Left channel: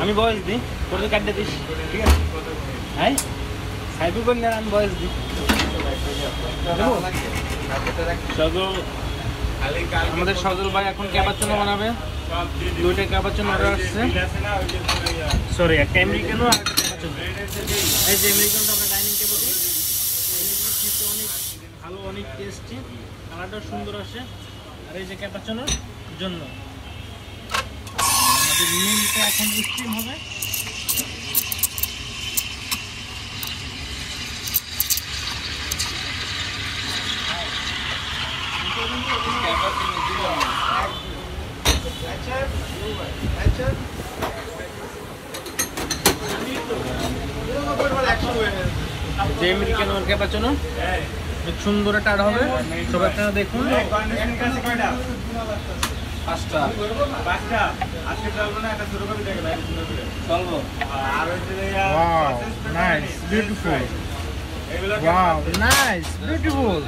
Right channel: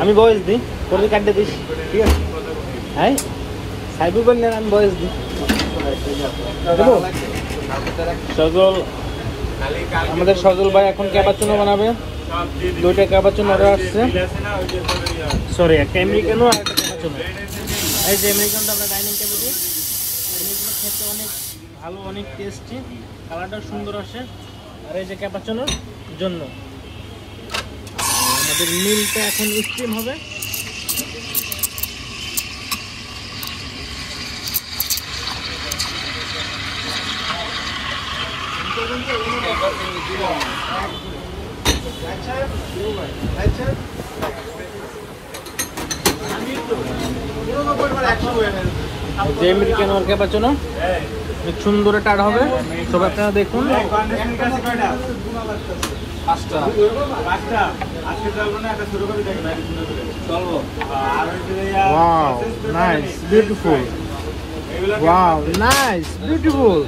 আমি বয়স দিই, করে কাটতে দিস, ঠিক আছে? হ্যাঁ, সাইবি বললেন আমি বয়স দিই। সজল, আমাদের সজল ভাই এখন ক্যাপাচিনো বানাবে। 2টা ক্যাপাচিনো অর্ডার আসছে। সরি, একটা আমেরিকানো আর একটা ক্যাপাচিনো। এই যে আমেরিকানটা আমরা ডাইনিং টেবিলে, আমেরিকানো খেতে অনেক ভালো, অনেক টেস্টি, কালারটা সুন্দর আসে। আর এই যে ক্যাপাচিনোর জন্য আমাদের মিলটা এখন স্টিম হবে। যে আমেরিকান ওর ক্যাপাচিনো সুন্দর একটা হবে, সবাই আপনারা দেখুন। Wow, nice, beautiful. Wow, nice, beautiful.